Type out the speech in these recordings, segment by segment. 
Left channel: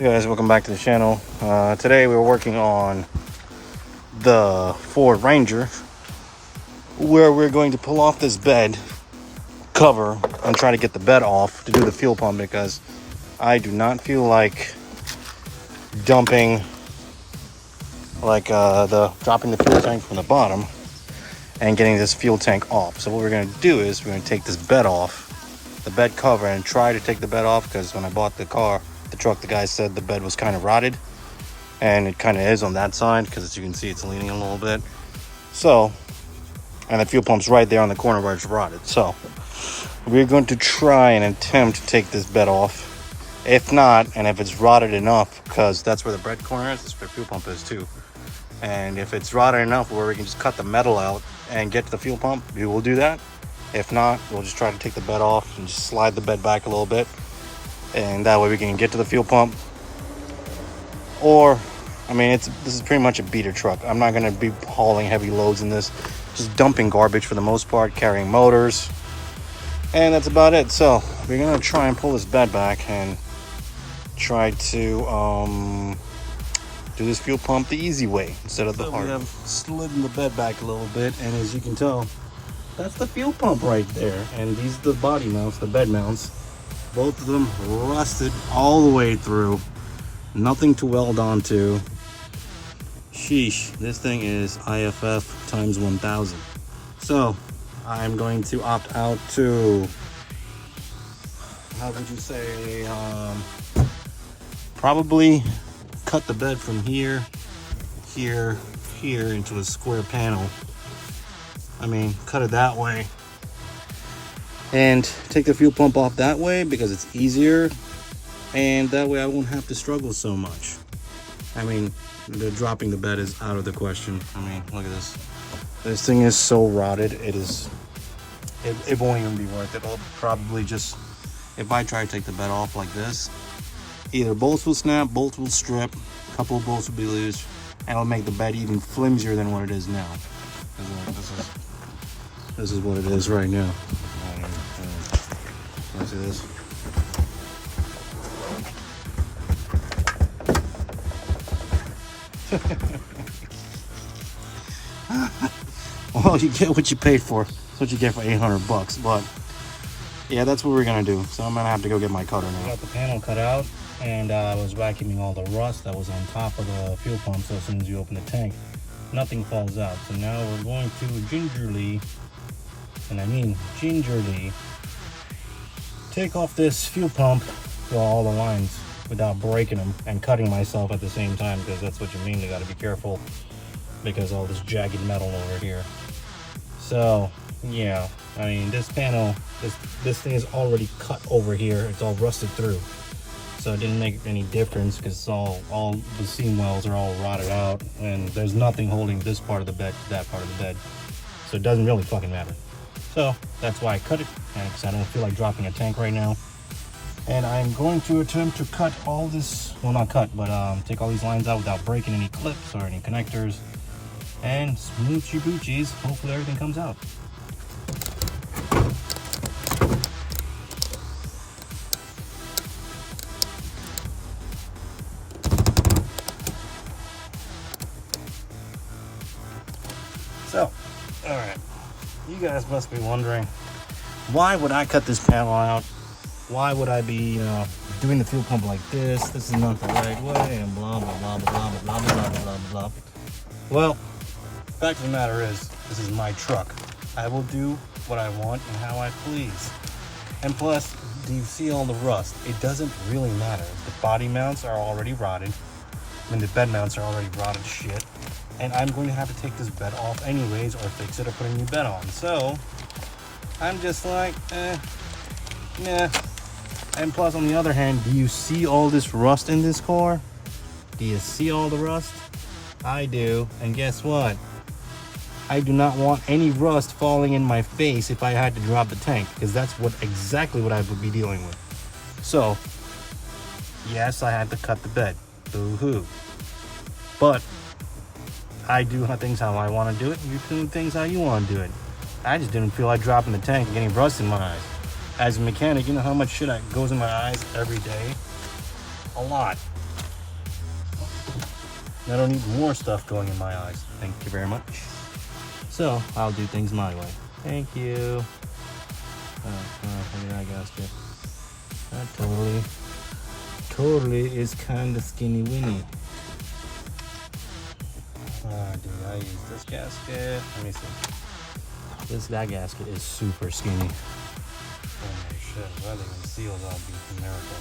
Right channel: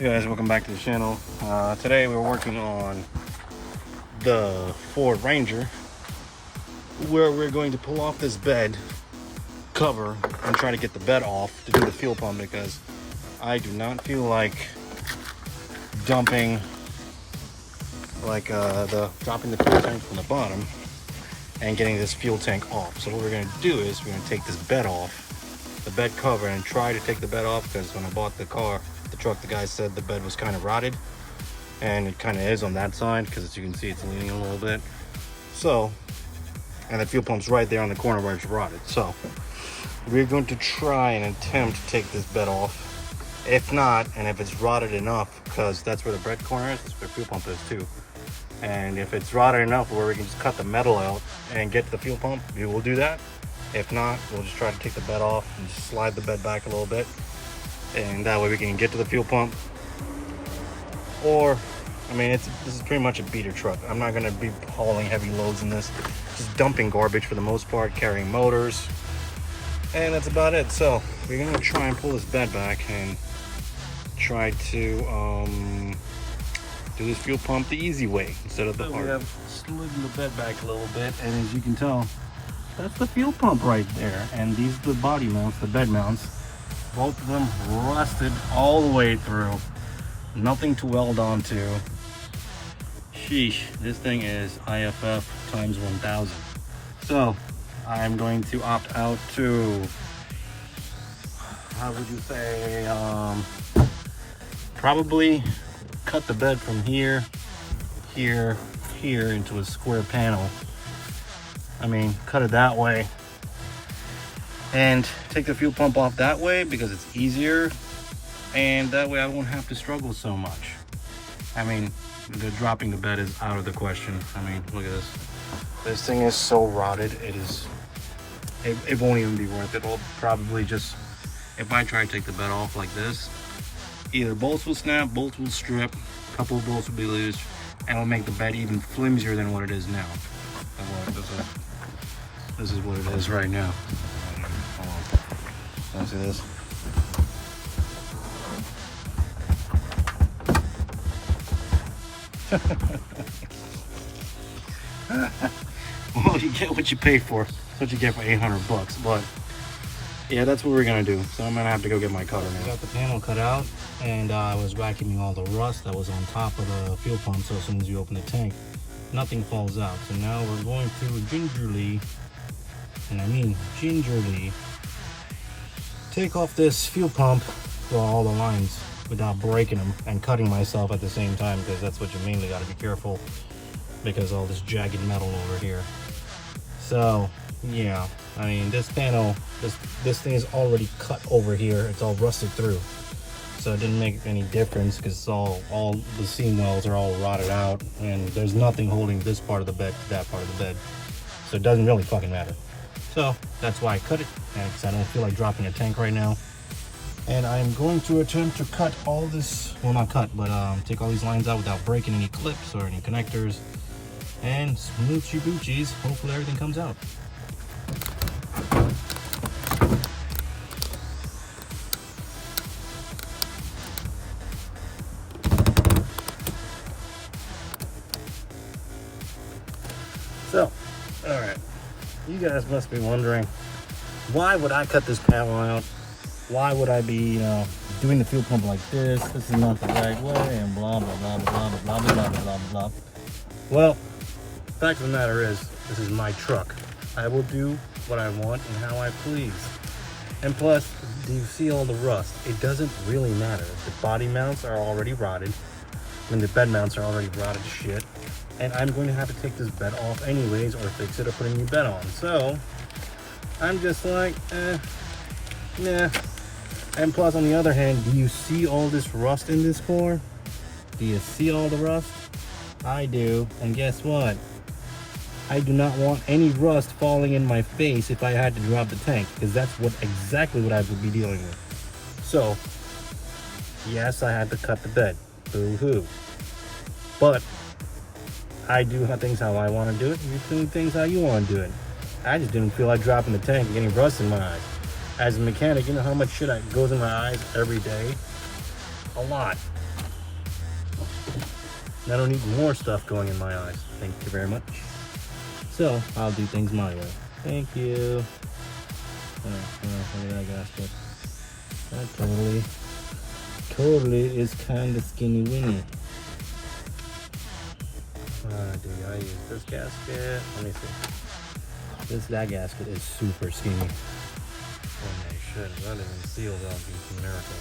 Hey guys, welcome back to the channel. Today we're working on the Ford Ranger, where we're going to pull off this bed cover and try to get the bed off to do the fuel pump, because I do not feel like dumping dropping the fuel tank from the bottom and getting this fuel tank off. So what we're going to do is we're going to take this bed off, the bed cover, and try to take the bed off, because when I bought the truck, the guy said the bed was kind of rotted, and it kind of is on that side, because as you can see it's leaning a little bit. So, and the fuel pump's right there on the corner where it's rotted. So we're going to try and attempt to take this bed off. If not, and if it's rotted enough, because that's where the bread corner is, that's where the fuel pump is too, and if it's rotted enough where we can just cut the metal out and get to the fuel pump, we will do that. If not, we'll just try to take the bed off and just slide the bed back a little bit, and that way we can get to the fuel pump. Or, I mean, this is pretty much a beater truck. I'm not going to be hauling heavy loads in this, just dumping garbage for the most part, carrying motors, and that's about it. So we're going to try and pull this bed back and try to do this fuel pump the easy way instead of the hard. We have slidden the bed back a little bit, and as you can tell, that's the fuel pump right there, and these are the body mounts, the bed mounts. Both of them rusted all the way through. Nothing to weld onto. Sheesh, this thing is IFF times 1000. So I'm going to opt out to, how would you say, probably cut the bed from here into a square panel. I mean, cut it that way and take the fuel pump off that way, because it's easier, and that way I won't have to struggle so much. I mean, the dropping the bed is out of the question. I mean, look at this. This thing is so rotted. It won't even be worth it. I'll probably just, if I try to take the bed off like this, either bolts will snap, bolts will strip, a couple of bolts will be loose, and it'll make the bed even flimsier than what it is now. This is what it is right now. Let's see this. Well, you get what you pay for. That's what you get for 800 bucks. But yeah, that's what we're gonna do. So I'm gonna have to go get my cutter now. I got the panel cut out, and I was vacuuming all the rust that was on top of the fuel pump, so as soon as you open the tank, nothing falls out. So now we're going to gingerly, and I mean gingerly, take off this fuel pump, well, all the lines, without breaking them and cutting myself at the same time, because that's what you mainly got to be careful, because all this jagged metal over here. So yeah, I mean, this panel, this thing is already cut over here. It's all rusted through, so it didn't make any difference, because all the seam wells are all rotted out, and there's nothing holding this part of the bed to that part of the bed, so it doesn't really fucking matter. So that's why I cut it, because I don't feel like dropping a tank right now. And I'm going to attempt to cut all this, well, not cut, but take all these lines out without breaking any clips or any connectors, and smoochy boochies. Hopefully everything comes out. So, all right. You guys must be wondering, why would I cut this panel out? Why would I be, doing the fuel pump like this? This is not the right way, and blah, blah, blah, blah, blah, blah, blah, blah, blah, blah, blah. Well, the fact of the matter is, this is my truck. I will do what I want and how I please. And plus, do you see all the rust? It doesn't really matter. The body mounts are already rotted, and the bed mounts are already rotted shit. And I'm going to have to take this bed off anyways, or fix it, or put a new bed on. So I'm just like, yeah. And plus, on the other hand, do you see all this rust in this car? Do you see all the rust? I do. And guess what? I do not want any rust falling in my face if I had to drop the tank, because that's exactly what I would be dealing with. So yes, I had to cut the bed. Boo-hoo. But I do things how I want to do it. You do things how you want to do it. I just didn't feel like dropping the tank and getting rust in my eyes. As a mechanic, you know how much shit goes in my eyes every day? A lot. I don't need more stuff going in my eyes. Thank you very much. So I'll do things my way. Thank you. Alright, I got you. That totally is kind of skinny winny. Dude, I use this gasket. Let me see. That gasket is super skinny. Oh shit, that even seals. That'll be a miracle.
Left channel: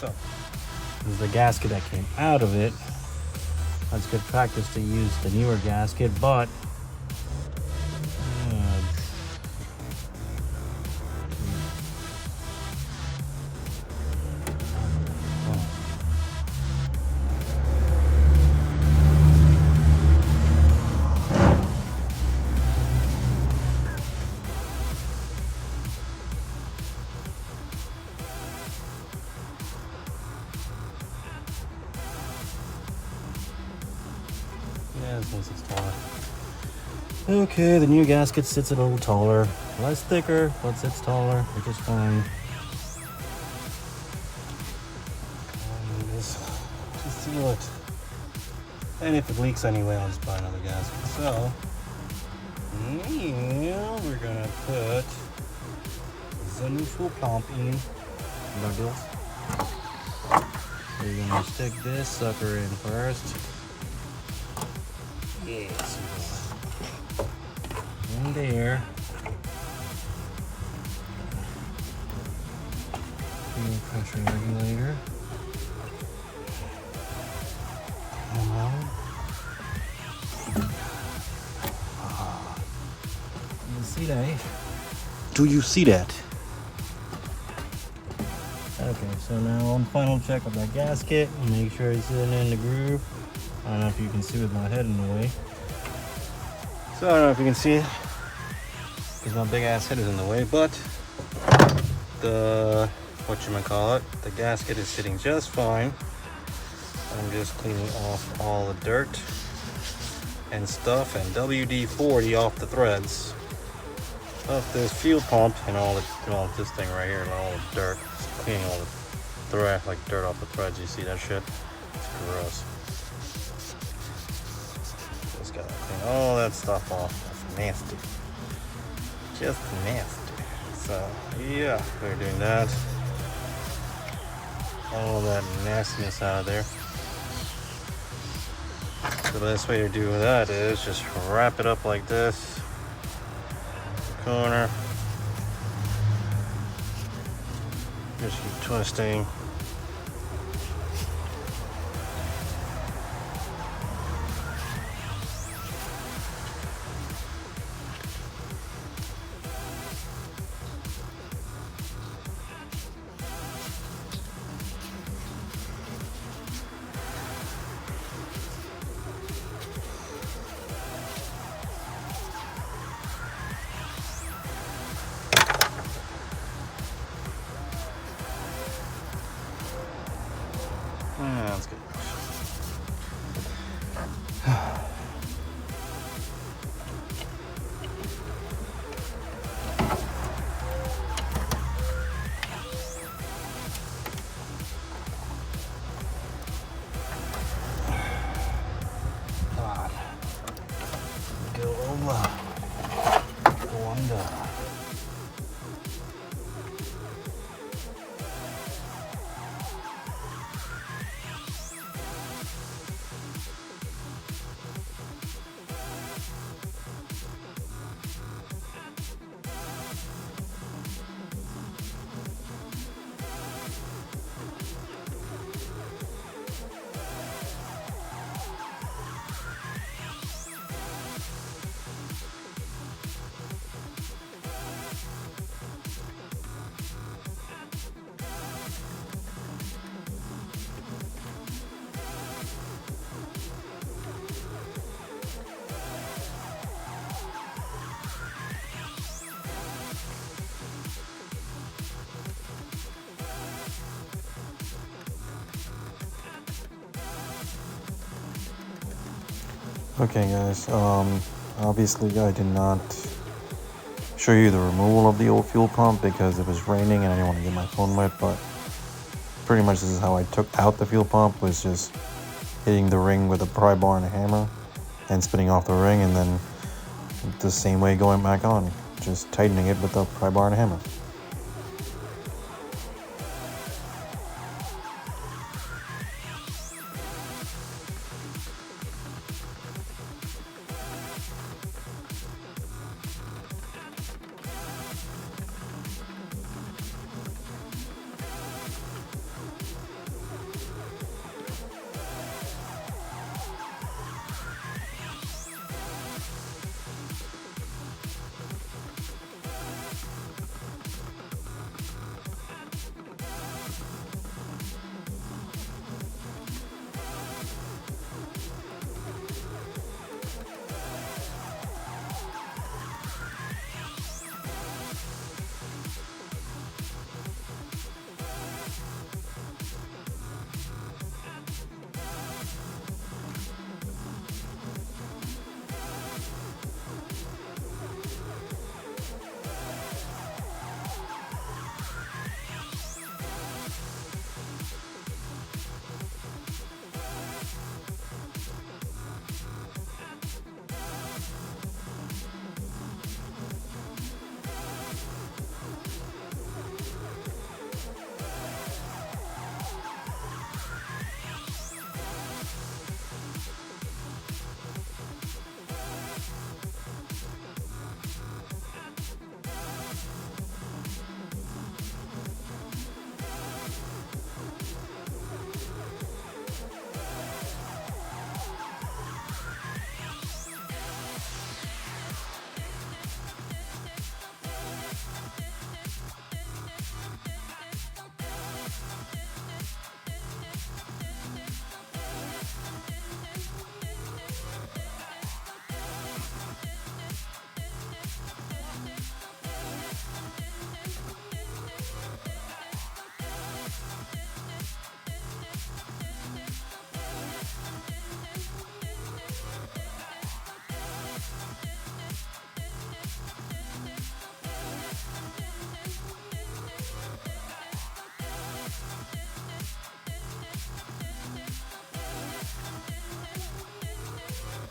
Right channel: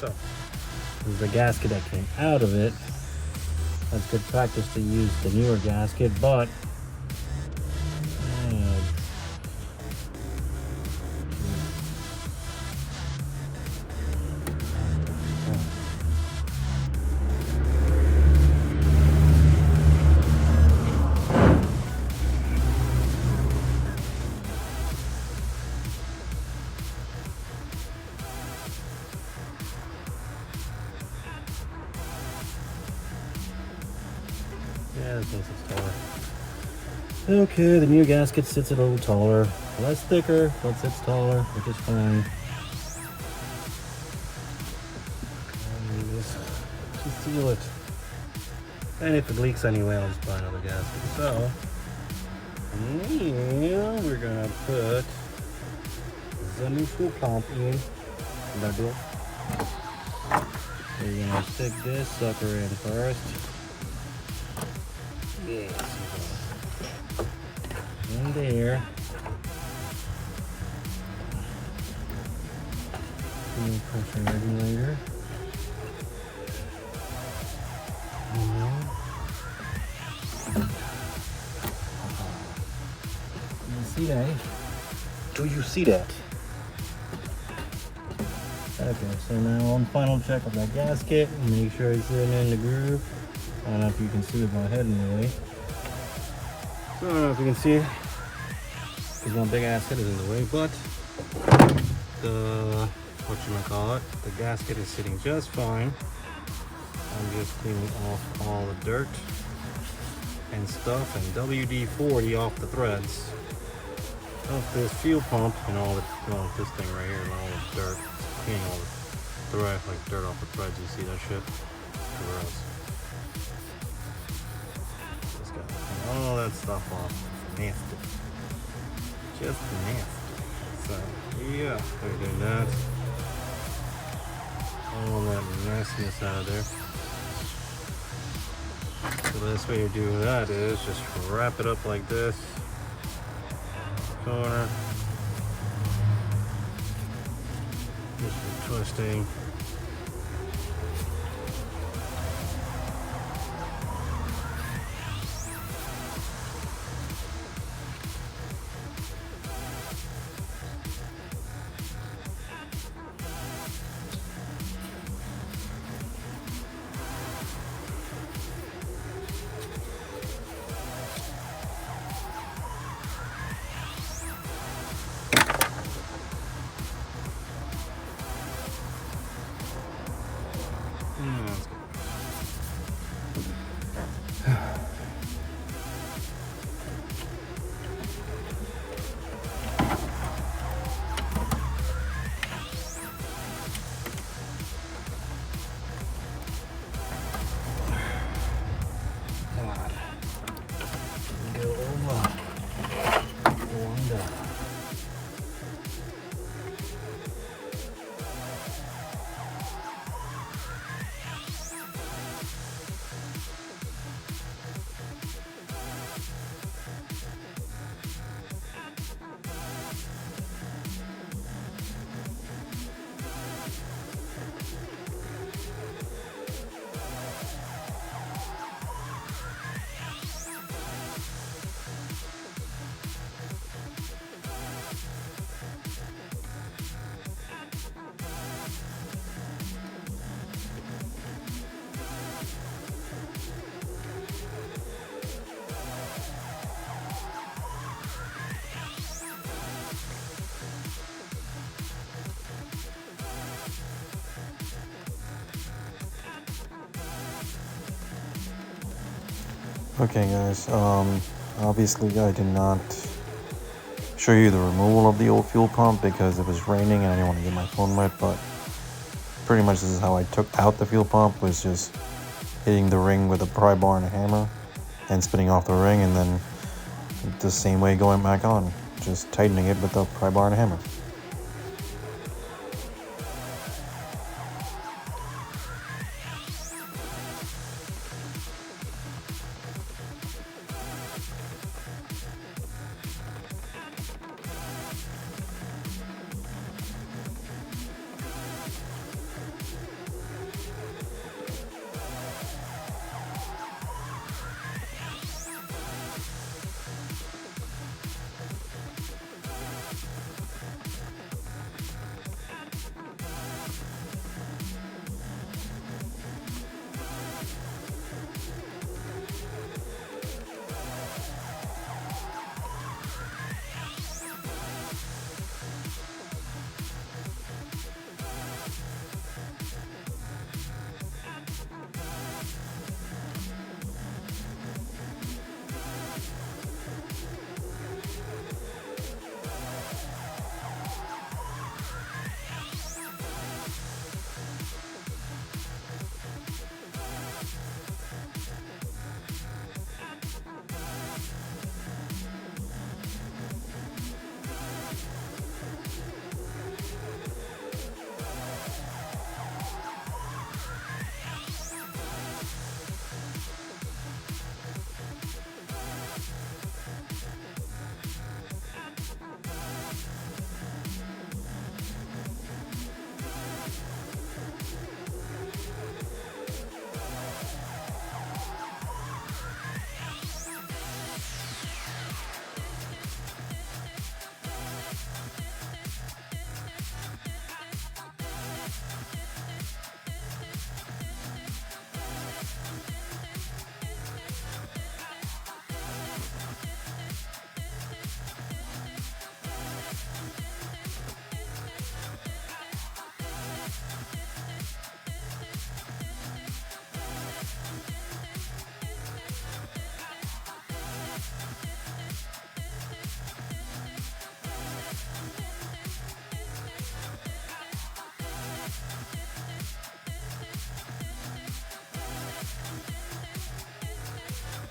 So, this is the gasket that came out of it. That's good practice to use the newer gasket, but okay, the new gasket sits a little taller. Less thicker, but sits taller, which is fine. Just seal it. And if it leaks anyway, I'll just buy another gasket. So, now we're gonna put the new fuel pump in. We're gonna stick this sucker in first. Yes, in there. Fuel pressure regulator. You see that? Do you see that? Okay, so now on final check of that gasket, make sure it's in the groove. I don't know if you can see with my head in the way. So I don't know if you can see, because my big ass head is in the way, but the, the gasket is sitting just fine. I'm just cleaning off all the dirt and stuff and WD-40 off the threads of this fuel pump and all this thing right here and all the dirt. It's cleaning all the thread, like dirt off the threads. You see that shit? It's gross. Just gotta clean all that stuff off. It's nasty. Just nasty. So yeah, they're doing that. All that nastiness out of there. The best way to do that is just wrap it up like this. Corner. Just twisting. Okay guys, obviously I did not show you the removal of the old fuel pump because it was raining and I didn't want to get my phone wet, but pretty much this is how I took out the fuel pump, was just hitting the ring with a pry bar and a hammer and spinning off the ring, and then the same way going back on, just tightening it with a pry bar and a hammer.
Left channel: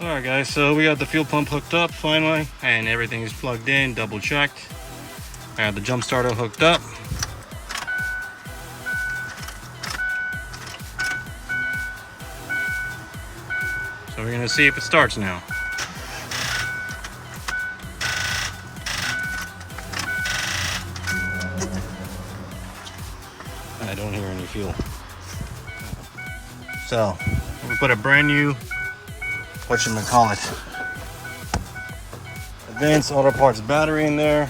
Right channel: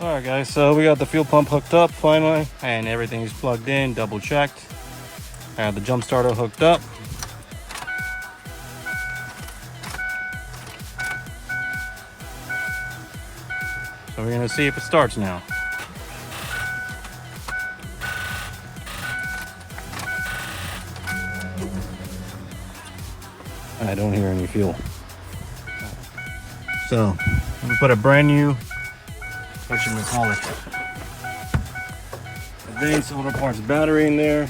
Alright guys, so we got the fuel pump hooked up finally, and everything is plugged in, double checked. I have the jump starter hooked up. So we're gonna see if it starts now. I don't hear any fuel. So, we put a brand new, whatchamacallit, advanced auto parts battery in there.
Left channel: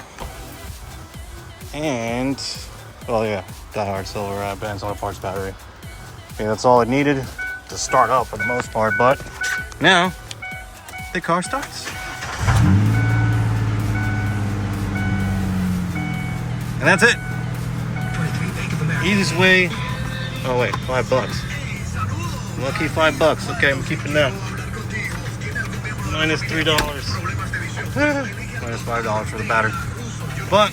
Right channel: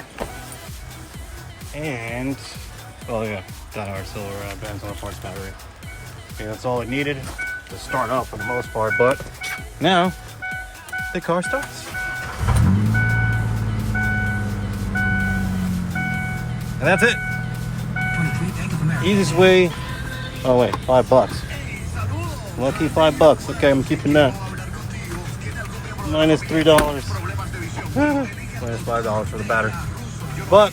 And, well, yeah, got hard silver advanced auto parts battery. Yeah, that's all it needed to start up for the most part, but now the car starts. And that's it. Easiest way. Oh wait, $5. Lucky $5. Okay, I'm keeping that. Minus $3. Minus $5 for the battery. But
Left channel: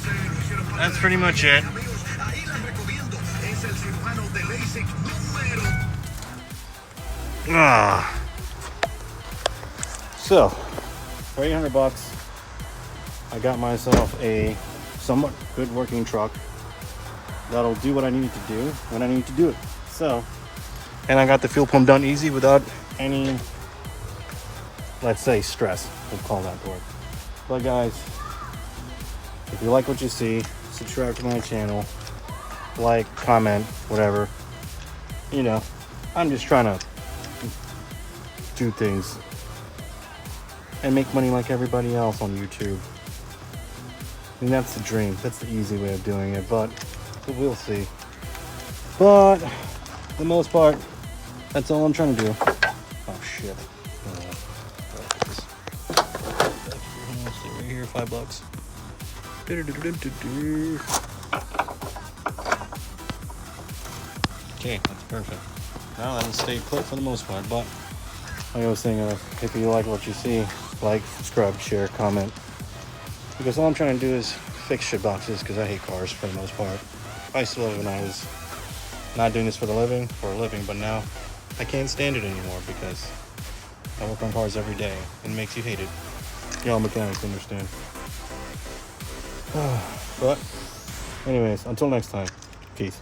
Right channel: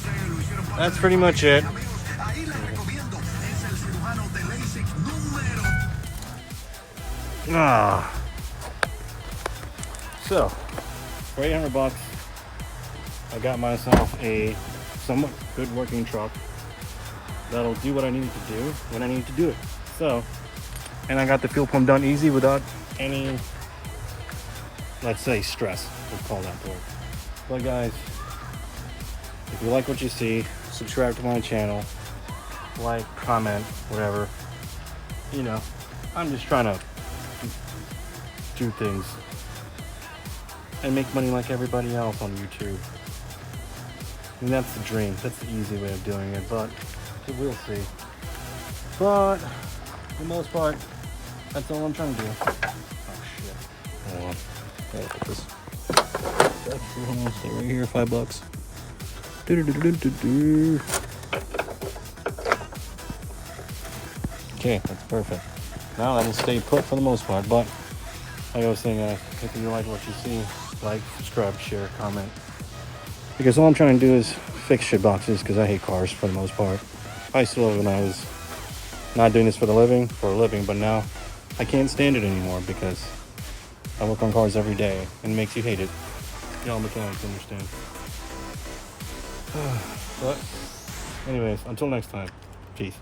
that's pretty much it. So for $800, I got myself a somewhat good working truck that'll do what I need to do when I need to do it. So, and I got the fuel pump done easy without any, let's say, stress. We'll call that word. But guys, if you like what you see, subscribe to my channel, like, comment, whatever. You know, I'm just trying to do things and make money like everybody else on YouTube. And that's the dream. That's the easy way of doing it, but we'll see. But for the most part, that's all I'm trying to do. Oh shit. Look at this. Right here, $5. Okay, that's perfect. Now that'll stay put for the most part, but like I was saying, if you like what you see, like, subscribe, share, comment. Because all I'm trying to do is fix shit boxes because I hate cars for the most part. I used to love it when I was not doing this for a living, but now I can't stand it anymore because I work on cars every day and it makes you hate it. Y'all mechanics understand. But anyways, until next time, peace.